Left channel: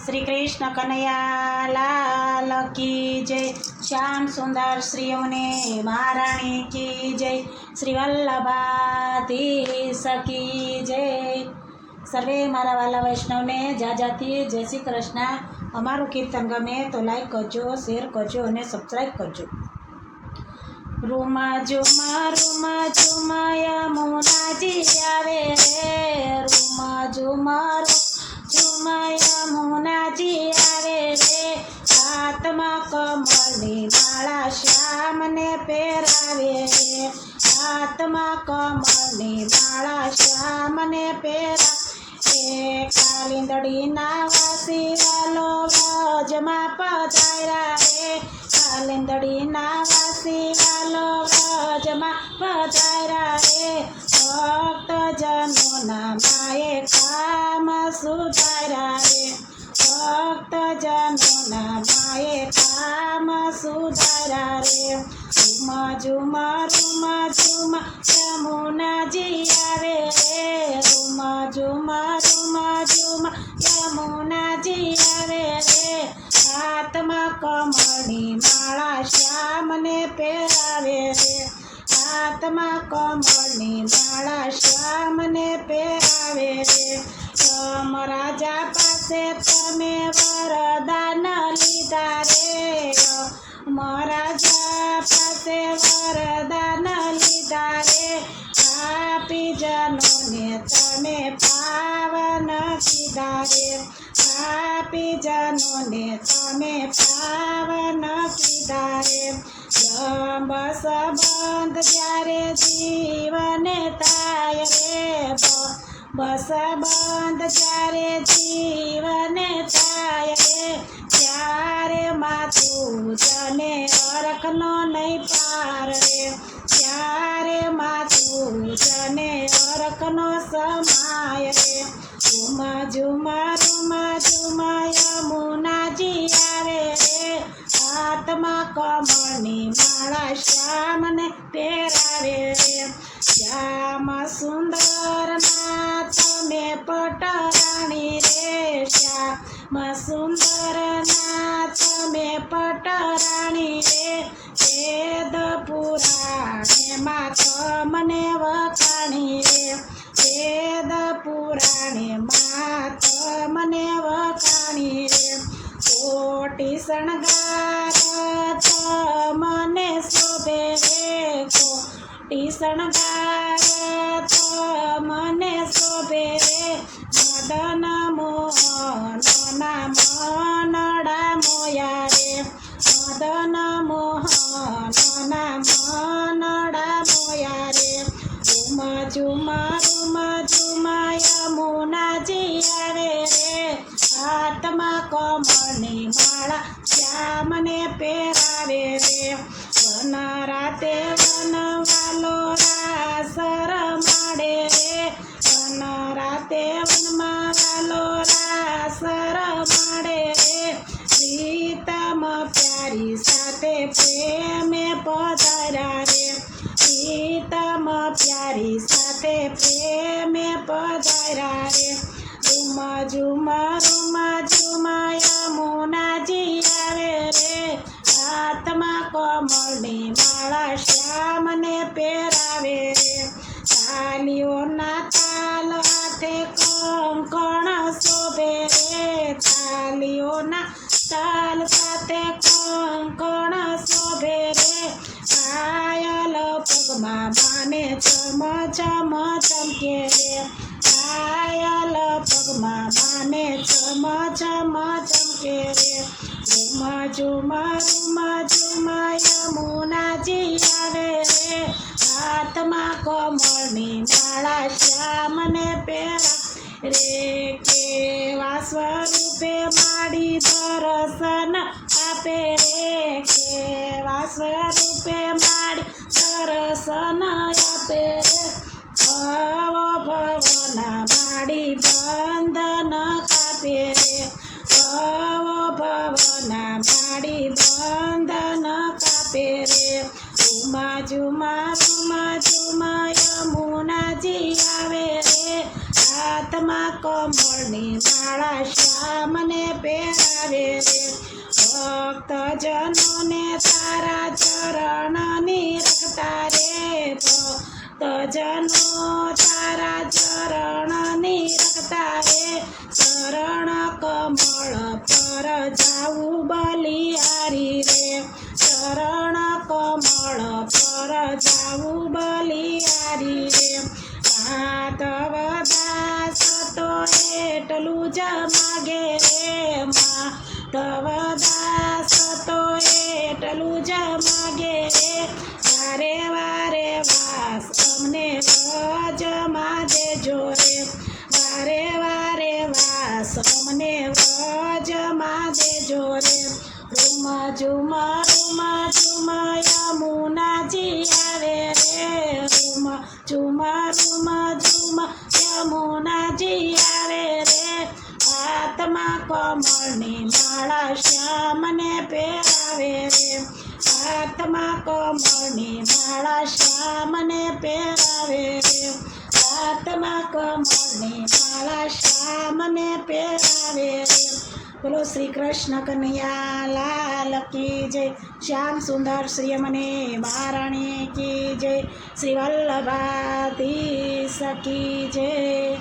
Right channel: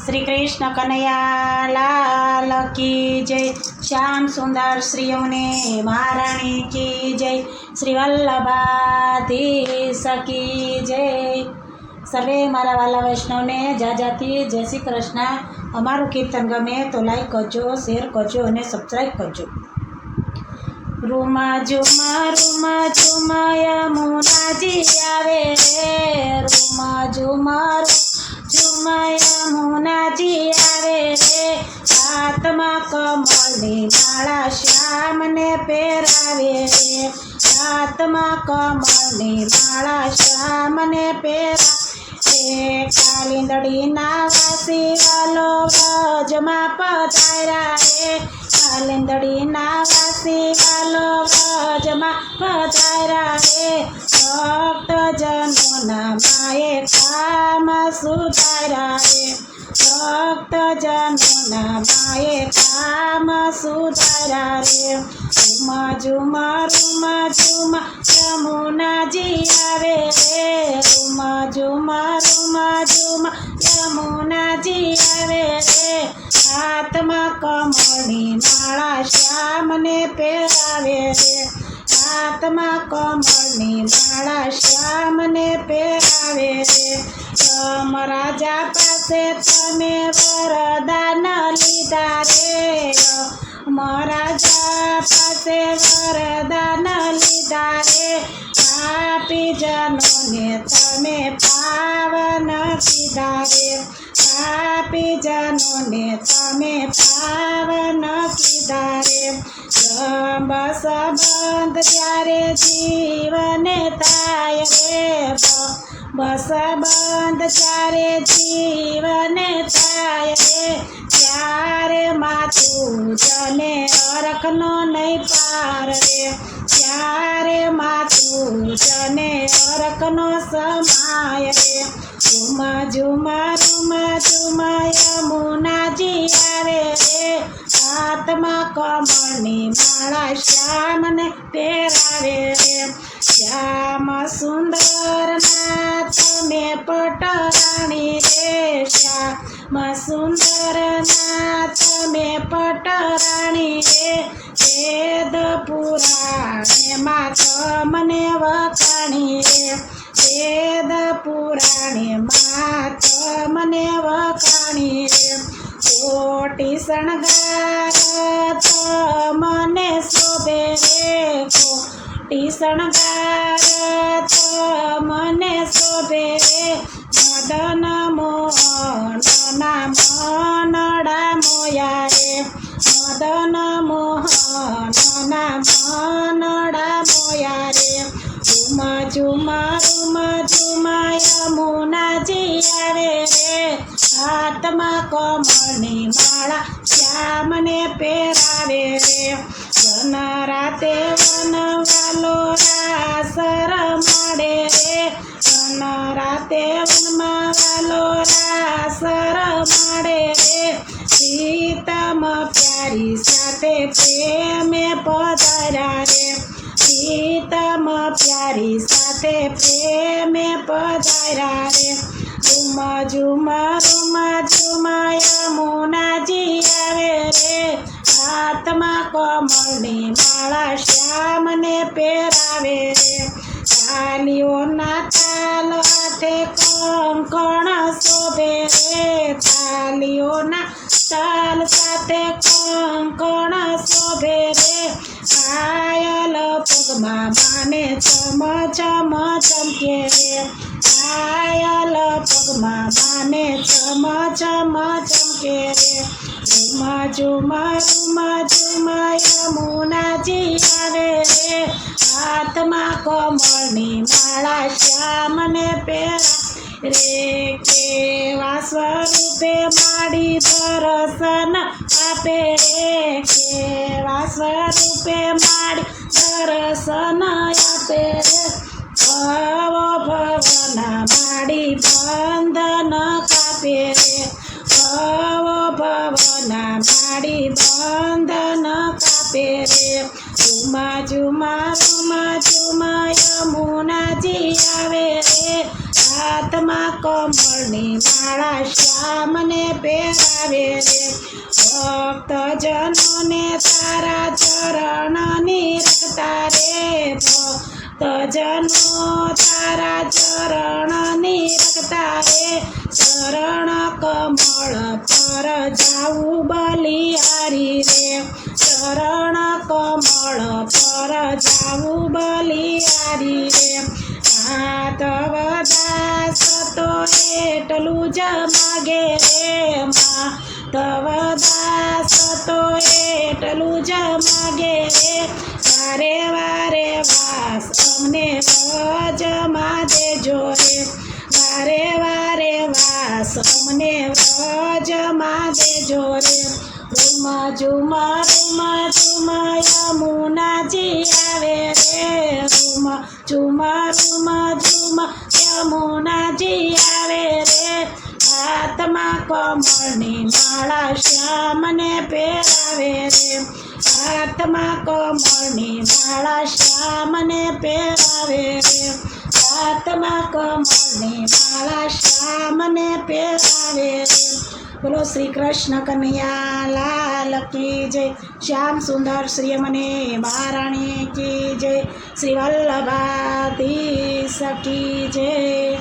શ્રી કૃષ્ણ કનૈયા લાલ કી જય. શ્યામ સુંદર શ્રીઓને મહારાણી કી જય. શ્રી વલ્લભાધીશ કી જય. સર્વે મારા વાલા વૈષ્ણવને જાજાથી જય શ્રી કૃષ્ણ. અમારું કીર્તન ગમે તો લાઈક કરજો શેર કરજો અને સબસ્ક્રાઈબ કરજો. રૂમા ઝુમા રૂમા ઝુમા યમુનાજી આવે. પહેરાવે રે હાથમાં કમળની માળા શ્યામને પહેરા કાલિંદડીના વાસી વાલો વ્રજમાં પધાર્યા રે કાલિંદડીના વાસી વાલો વ્રજમાં પધાર્યા રે ભક્તજનોના માએ કામ સુધાર્યા. રે ભક્તજનોના માએ કામ સુધારા રે ઉમા ઝુમા રૂમા ઝુમા યમુનાજી આવે રે રૂમા ઝુમા રૂમા ઝુમા યમુનાજી આવે રે હાથમાં કમળની માળા શ્યામને પહેરાવે રે હાથમાં કમળની માળા શ્યામને પહેરાવે રે રાજા પાસે તમે વરદાન લીધા રે. મહારાજા પાસે વરદાન લીધા રે. પાપી જનોને તમે પાવન કીધા રે. પાપી જનોને તમે પાવન કીધા રે. જંબ સંબંધ જ્યારે જીવને થાય રે. બસ બંધ ચારે જીવને થાય ત્યારે માથું જને અરખનો નહીં પાર રે ત્યારે માથું જને અરખનો સમાય રે ઝુમા ઝુમા ઝુમા ઝુમા યમુનાજી આવે રે હાથમાં કમળની માળા શ્યામને પહેરાવે રે શ્યામ સુંદર ના તમે પટરાણી રે. શ્યામ સુંદર ના તમે પટરાણી રે. વેદ પુરાણેમાં તમને વખાણી રે. વેદ પુરાણેમાં તમને વખાણી રે. કોટી શણગાર તમને શોભે રે કોટી શણગાર તમને શોભે રે. મદન મોહનના મનડા હાથમાં કમળની માળા શ્યામને પહેરાવે રે વન રાતે વનવાલો રાસર માડે રે વન રાતે વનમાં વાલો રાસર માડે રે પ્રીતમ પ્યારી સાથે પ્રેમે પધાર્યા રે પ્રીતમ પ્યારી સાથે પ્રેમે પધાર્યા રે રૂમા ઝુમા રૂમા ઝુમા મોનાજી આવે રે. હાથમાં કમળની માળા શ્યામને પહેરાવે રે. તાલીઓના તાલ હાથે કંકણ શોભે રે. તાલીઓના તાલ સાથે કંકણ શોભે રે. પાયલ પગમાં માને ચમ ચમ, ચમકે રે. પાયલ પગમાં માને ચમ ચમ ચમકે રે. રૂમા ઝુમા રૂમા ઝુમા યમુનાજી કમળની માળા શ્યામને પહેરા રે. કેવા સ્વરૂપે માડી દર્શન આપે રે. કેવા સ્વરૂપે માડી દર્શન આપે માડી બંધન કાપે રે. રૂમા ઝુમા રૂમા ઝુમા, યમુનાજી આવે રે. હાથમાં કમળની માળા શ્યામને પહેરાવે રે. ભક્તજનોને તારા ચરણની રખતા રે. ભક્તજનો તારા ચરણની રખતા રે. ચરણ કમળ પર જાવું બલિયારી રે. ચરણ કમળ પર જાવું બલિયારી રે. માધવ દાસ તો એટલું જ માગે રે. માધવ દાસ તો એટલું જ માગે રે. વારે વારે વાસ અમને દેજો રે રૂમા ઝુમ રૂમ ઝુમ યમુનાજી આવે રે રૂમા ઝુમ રૂમા ઝુમ યમુનાજી આવે રે. હાથમાં કમળની માળા શ્યામને પહેરાવે રે. હાથમાં કમળની માળા શ્યામને પહેરાવે રે. હાથમાં કમળની માળા શ્યામને પહેરાવે રે. બોલો શ્રી કૃષ્ણ કનૈયા, લાલ કી જય. શ્યામ સુંદર શ્રી મને મહારાણી કી જય. શ્રી વલ્લભાધીશ કી જય.